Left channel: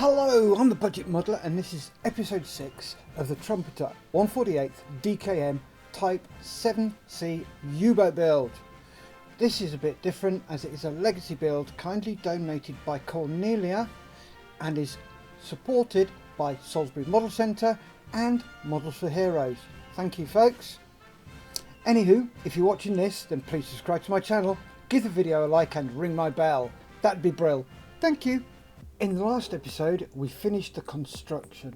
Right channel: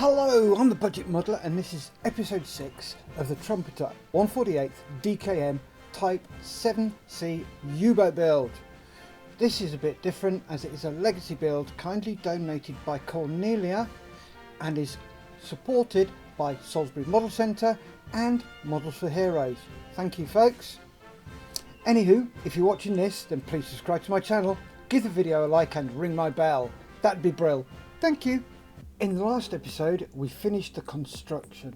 Hello, I'm the Budget Modeler and this is episode 6 of the Trumpeter 148th DKM Type 7C U-boat build. This is a bit different as it is a legacy build kindly donated by Cornelia and is supported by Salisbury Model Centre and Models for Heroes. Thank you folks. Anywho, if you're watching this then please subscribe to my channel, give the video a like and ring my bell. That'd be brill. Thank you. In the last episode we finished the construction.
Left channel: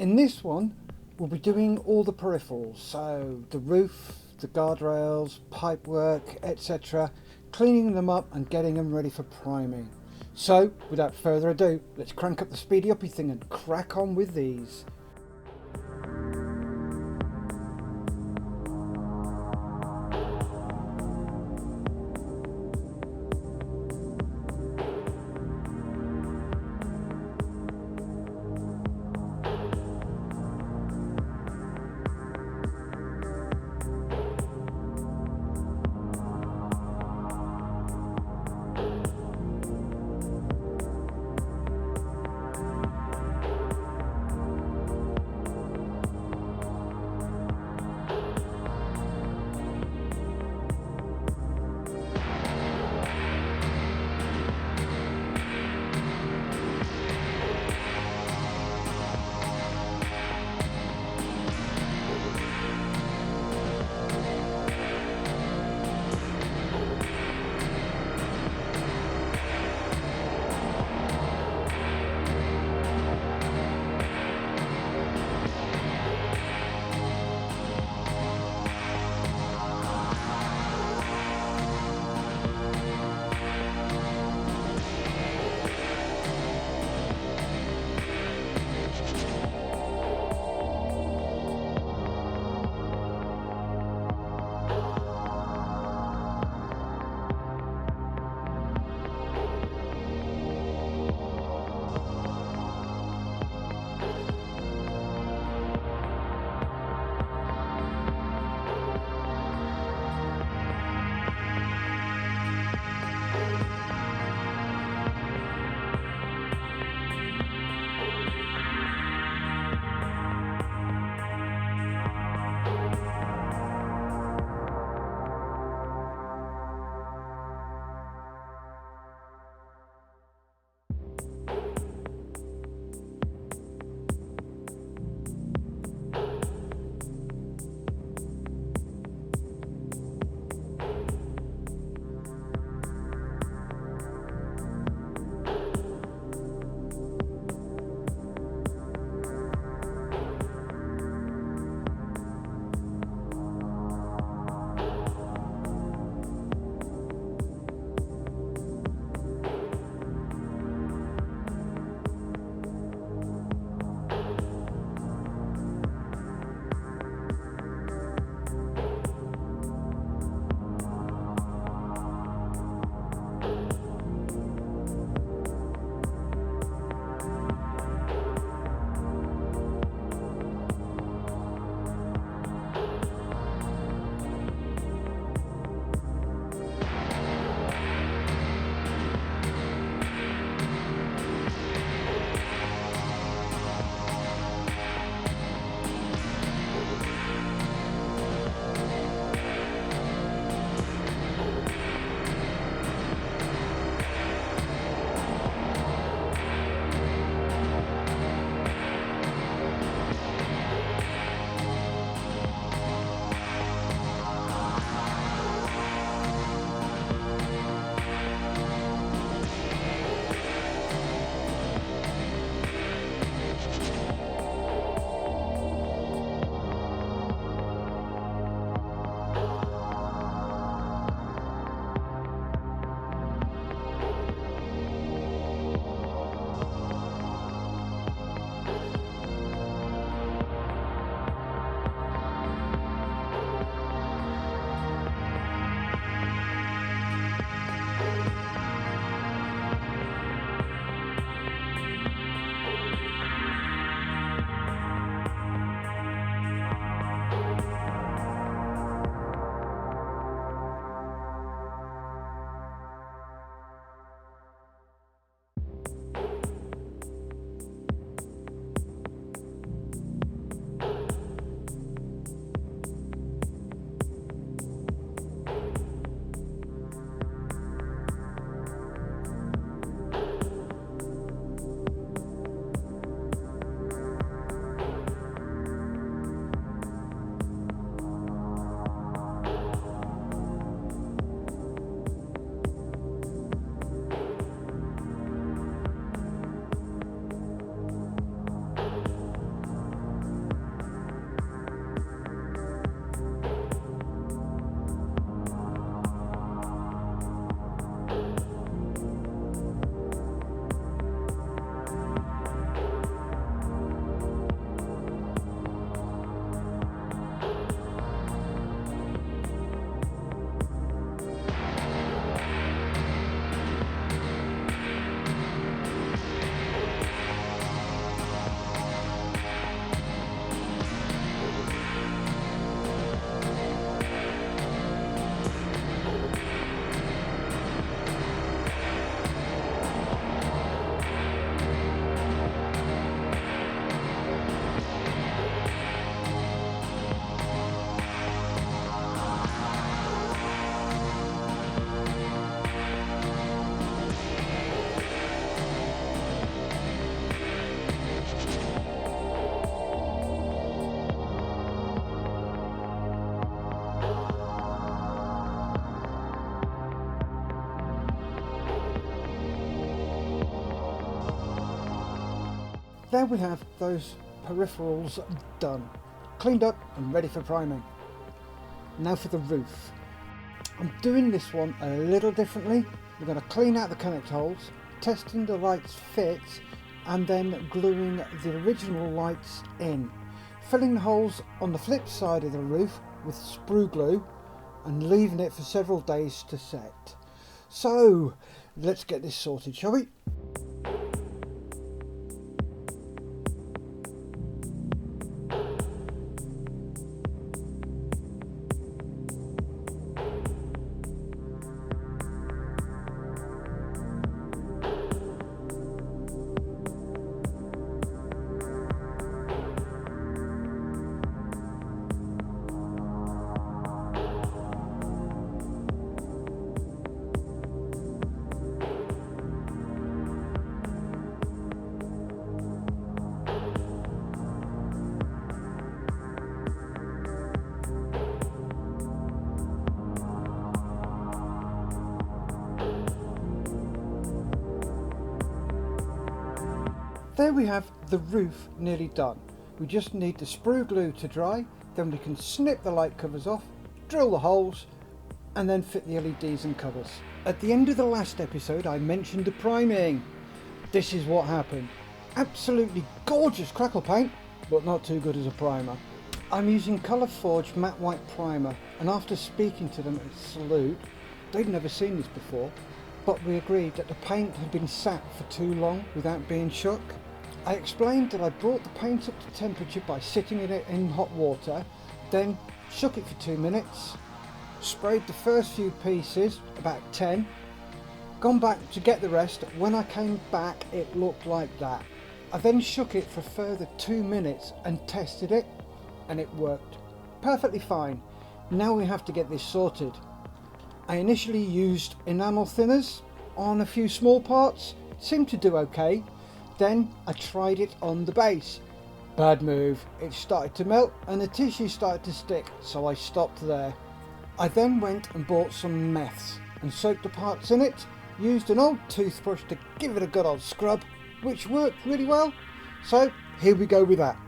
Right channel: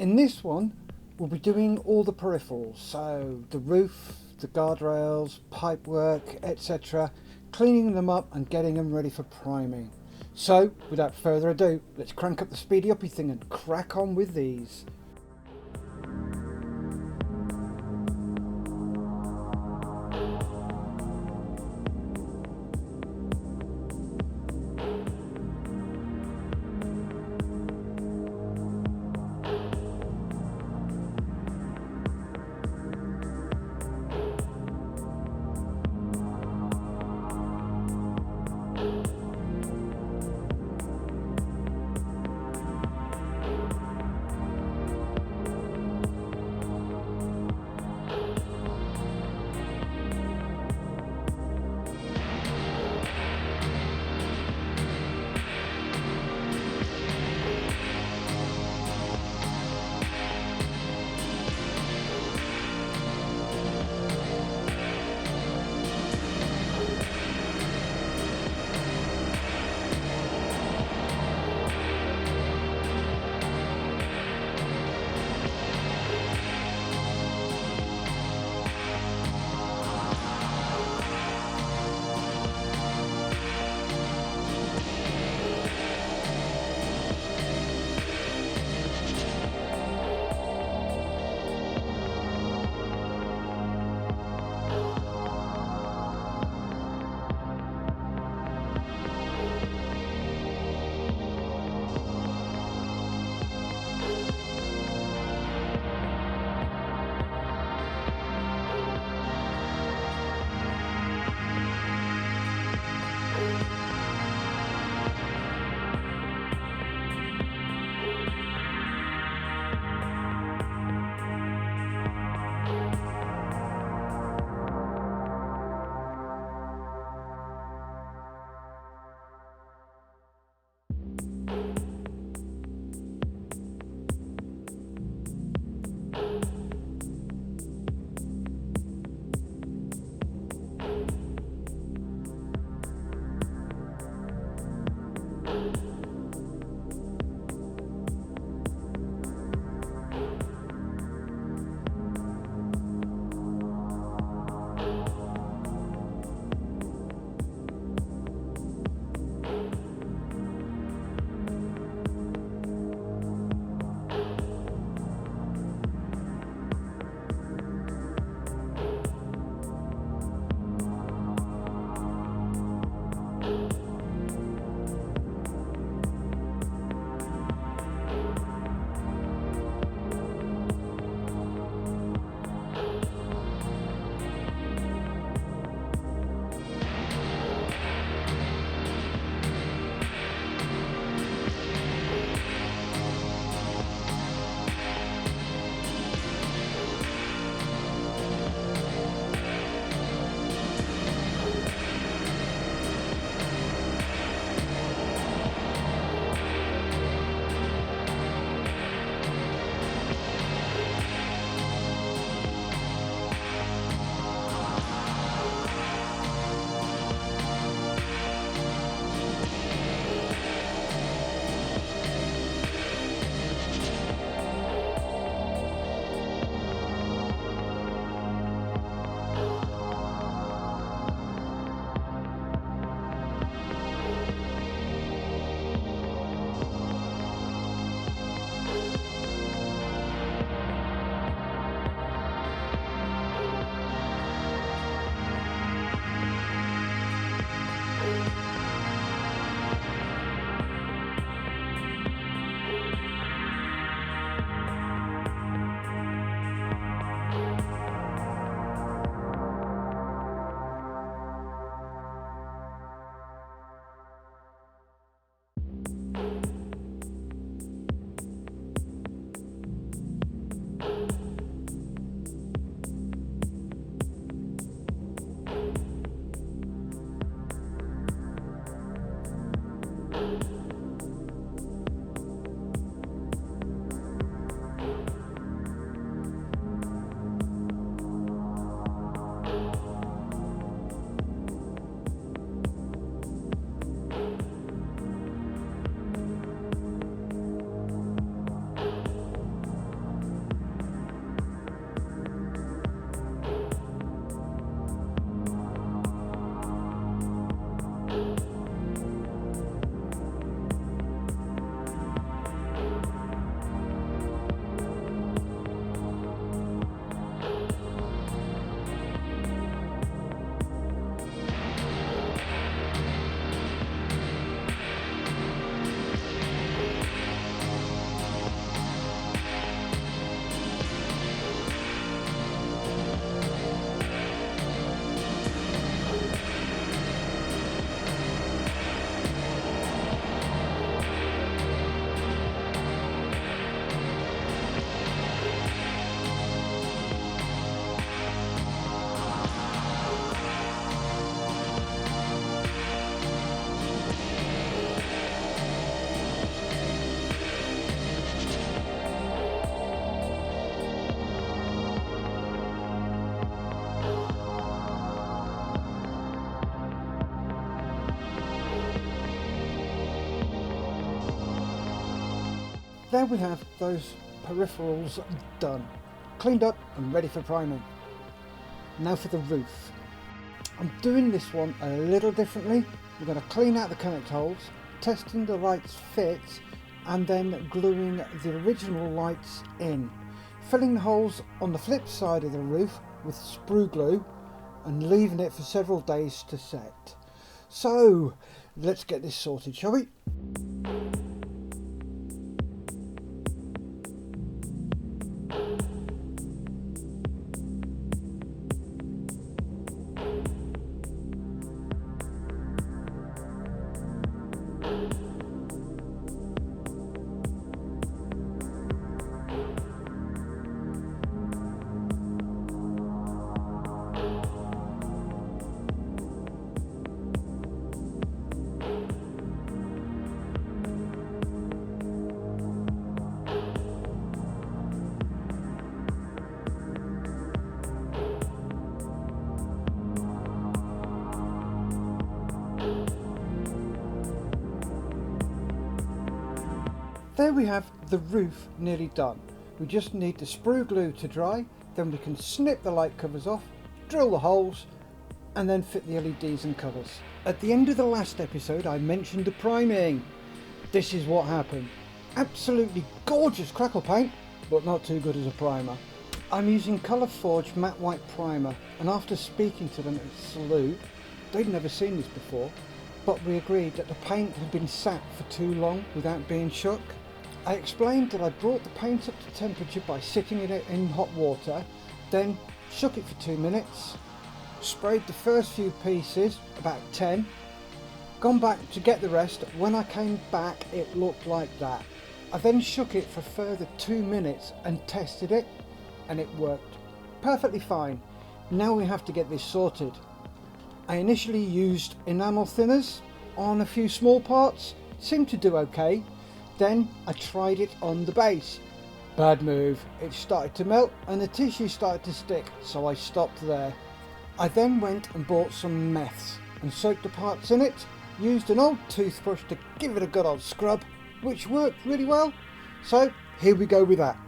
In this one we'll be doing all the peripherals, so the roof, the guardrails, pipework, etc. Cleaning them up and getting them ready for priming. So without further ado, let's crank up the speedy uppy thing and crack on with these. There we have those peripherals done, cleaned up and ready for priming. Now for the roof. I'm doing this one a little differently. We're going to clean out the connect holes, testing the lights fit, and then gluing the original lights in, filling the holes on the flip side of the roof with sprue glue and leaving it for several days to set. So let's get this sorted, shall we? There we have the roof nearly done. We just need the sprue glue to dry, then we can snip the light covers off, drill the holes, and then fit the LEDs and covers. At the end of the last episode I mentioned the priming. This is what happened. Absolutely gorgeous crackle paint, but not too good as a primer. I'm using Colour Forge matte white primer, and after speaking to them at Salute, they'd never seen this before, but we agreed that the paint had been sat for too long without being shook. I explained that I brought the paint up to temperature by sitting it in hot water, then shook it for 2 minutes, sprayed the first few pieces, about 10, gone back to get the rest. When I came back it looked like that. I then shook it for a further 2 minutes and tested it, and it worked perfectly fine. Now we have to get this sorted. I initially used enamel thinners on a few small parts, seemed to do okay. Then I tried it on the base. Bad move, it started to melt and the tissue started to stick, so I stopped there. I then went and bought some meths and soaked the parts in it, used an old toothbrush to give it a good old scrub, which worked really well. So here we go with that.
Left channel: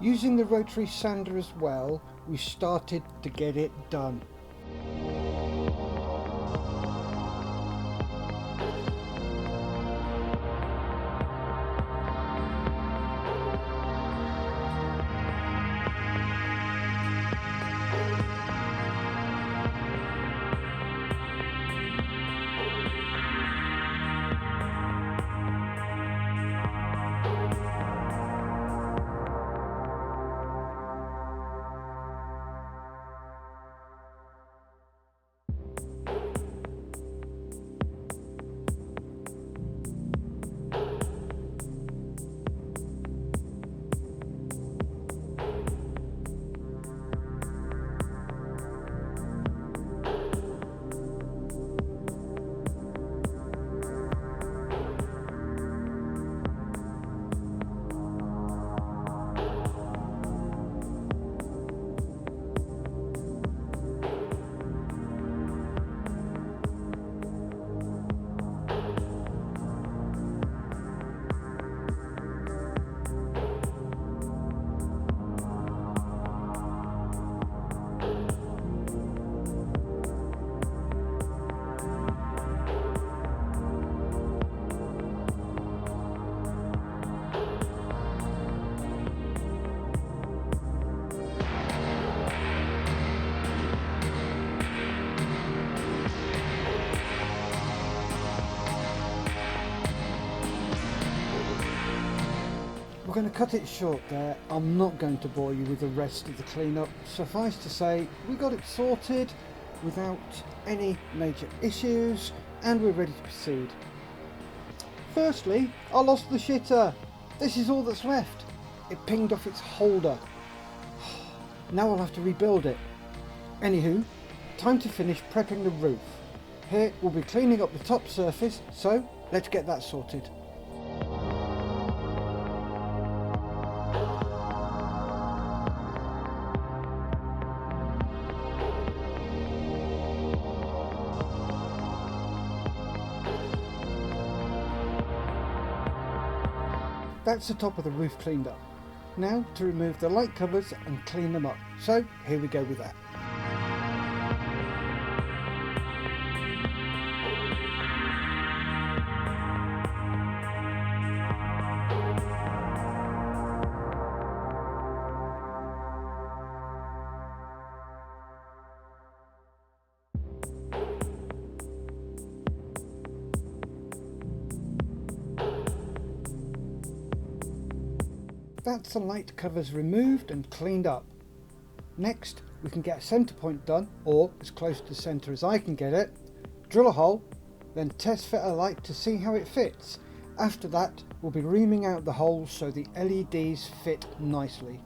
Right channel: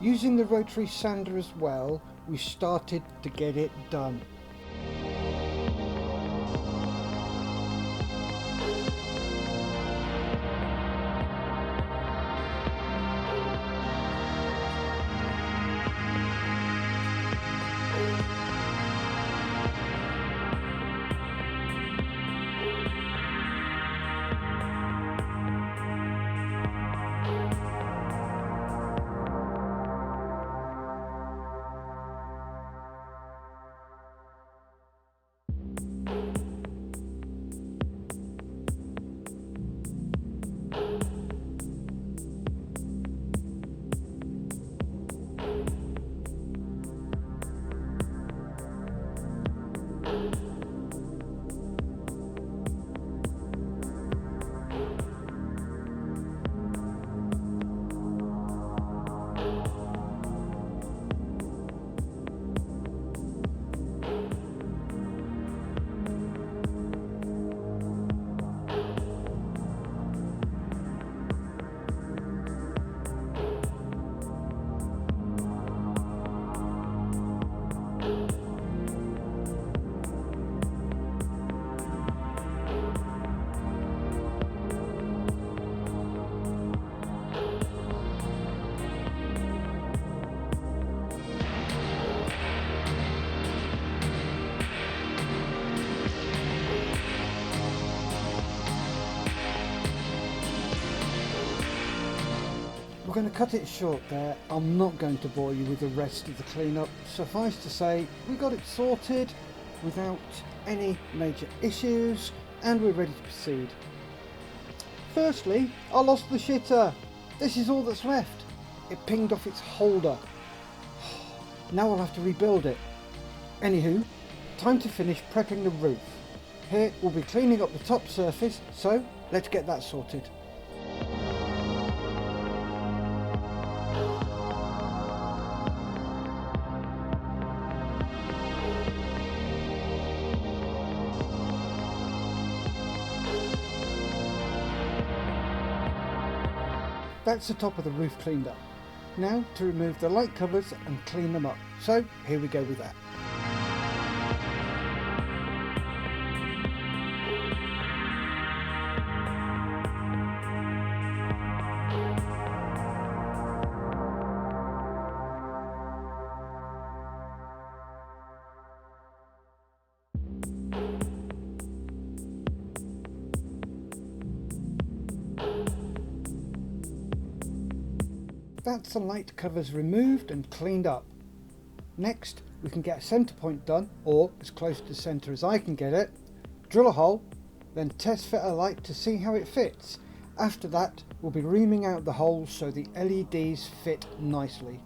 Using the rotary sander as well, we started to get it done. We're going to cut it short there. I'm not going to bore you with the rest of the cleanup. Suffice to say, we got it sorted without any major issues and we're ready to proceed. Firstly, I lost the shitter. This is all that's left. It pinged off its holder. Now I'll have to rebuild it. Anywho, time to finish prepping the roof. Here we'll be cleaning up the top surface, so let's get that sorted. That's the top of the roof cleaned up. Now to remove the light covers and clean them up. So here we go with that. That's the light covers removed and cleaned up. Next we can get a centre point done, or as close to centre as I can get it, drill a hole, then test fit a light to see how it fits. After that we'll be reaming out the holes so the LEDs fit nicely.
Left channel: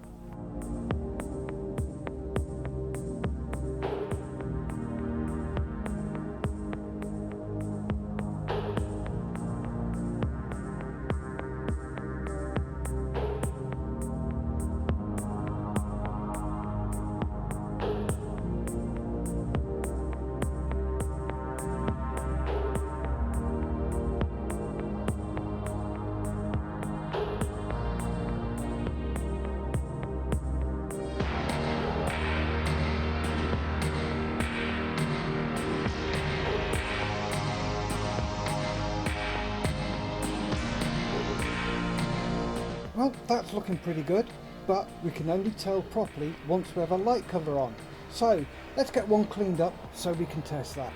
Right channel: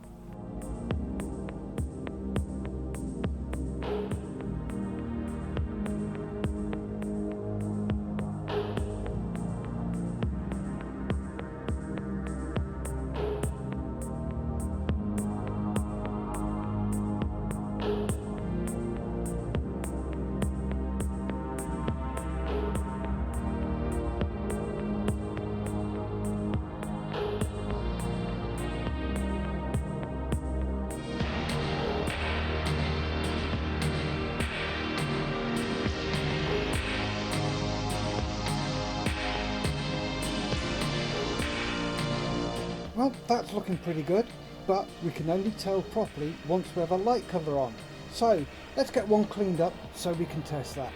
Well, that's looking pretty good, but we can only tell properly once we have a light cover on. So let's get one cleaned up so we can test that.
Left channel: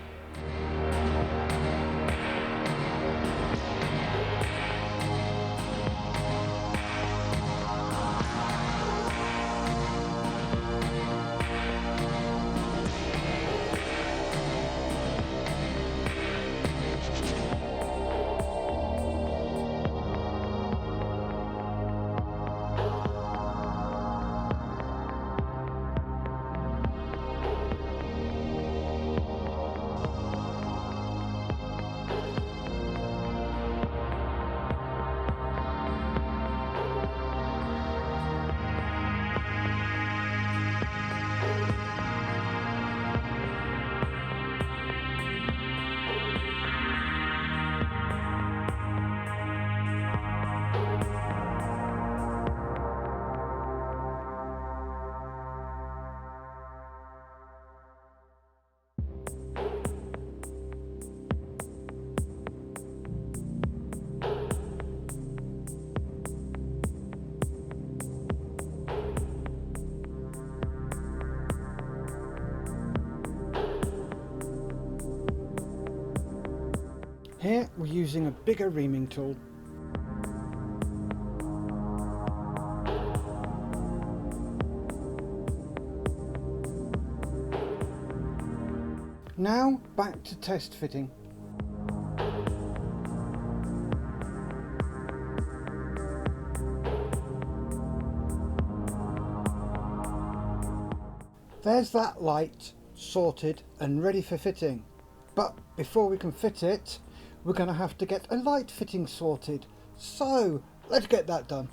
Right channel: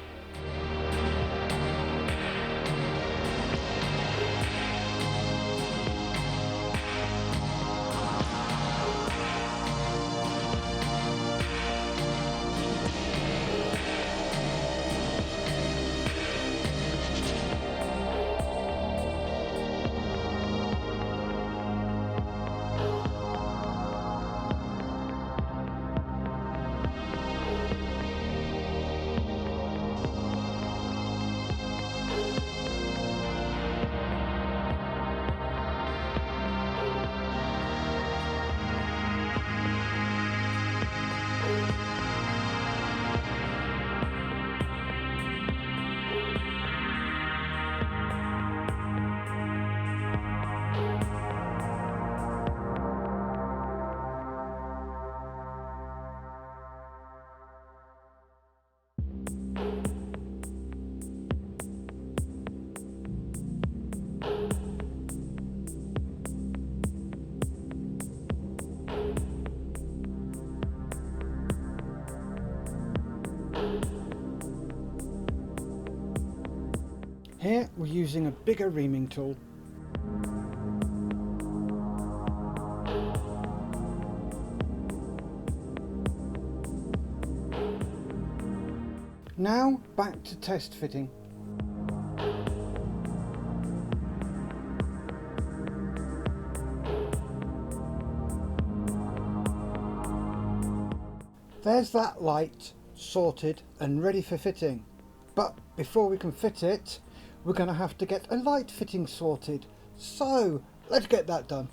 Here we're using a bigger reaming tool. Now back to test fitting. There's that light sorted and ready for fitting. But before we can fit it, we're going to have to get a light fitting sorted. So let's get that done.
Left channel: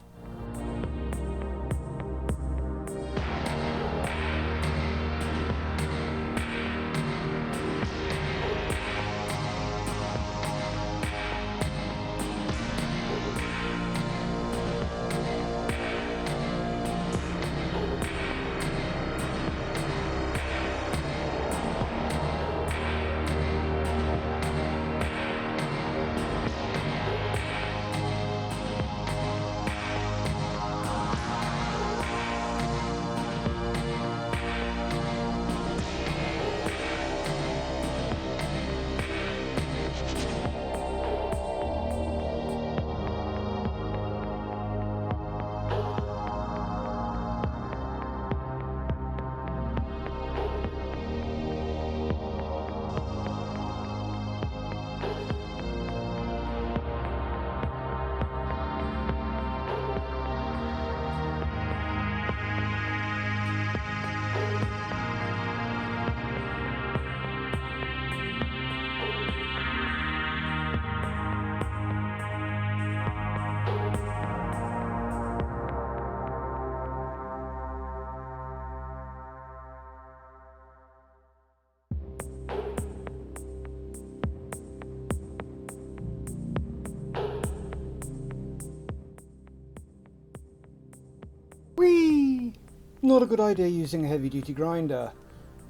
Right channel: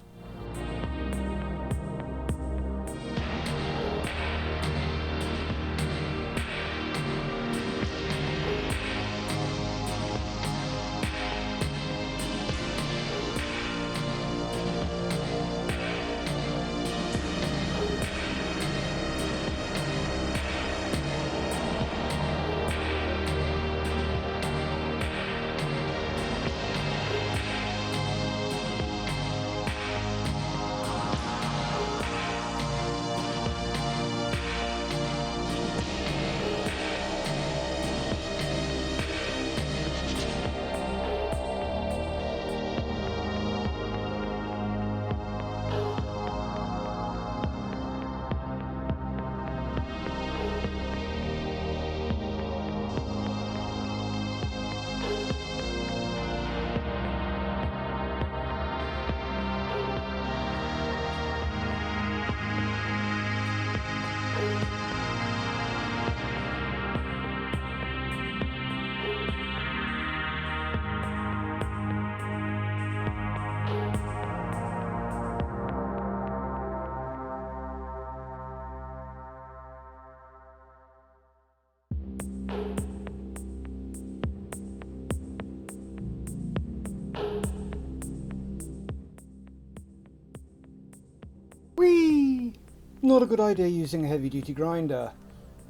not a good idea using a heavy duty grinder.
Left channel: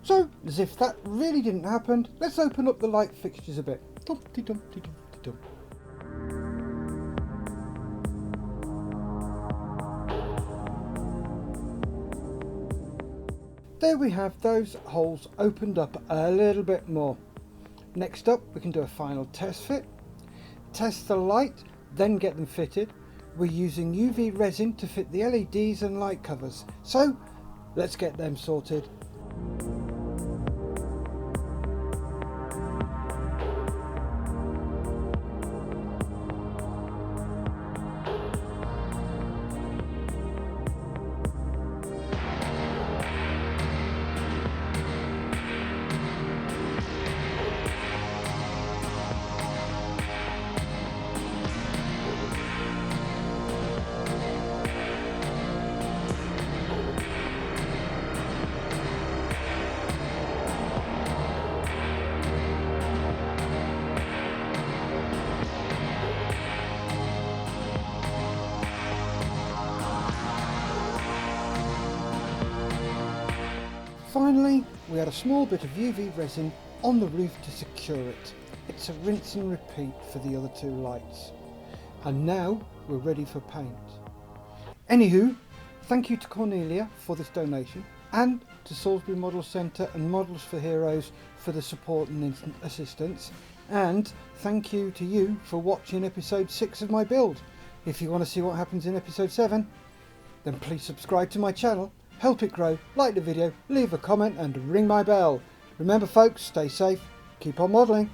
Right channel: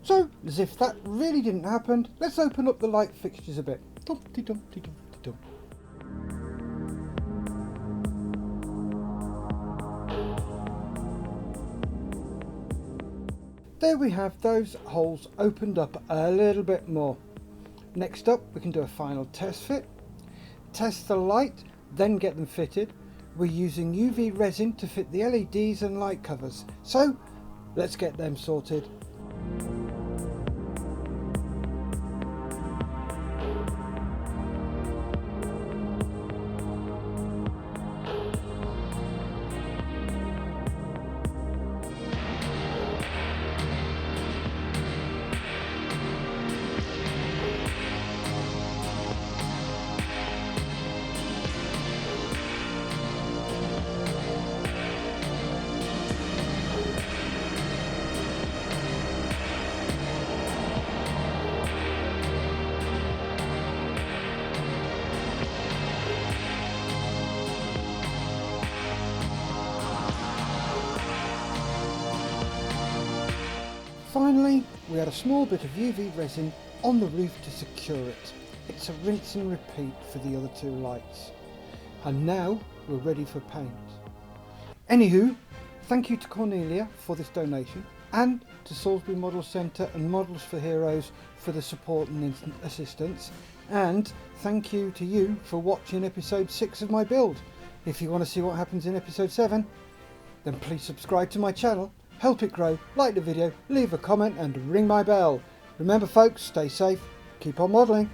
So, as if that really didn't happen, let's open up the light fixtures a bit. Dumpty dumpty dumpty dump. There we have those holes opened up a little bit more. Next up, we can do a final test fit. Test the light, then get them fitted. We're using UV resin to fit the LEDs and light covers. So, let's get them sorted. Finally, we add a small bit of UV resin on the roof to secure it. It's a rinse and repeat for the other two lights. And now we're ready for paint. Anywho, thank you to Cornelia for this donation, and to Salisbury Model Centre and Models for Heroes for the support and assistance, and thank you to you for watching episode 6 of my build. If you want to see what happens in episode 7, then please subscribe to my channel, help it grow, like the video, leave a comment and ring my bell. Remember folks, stay safe, keep on modelling.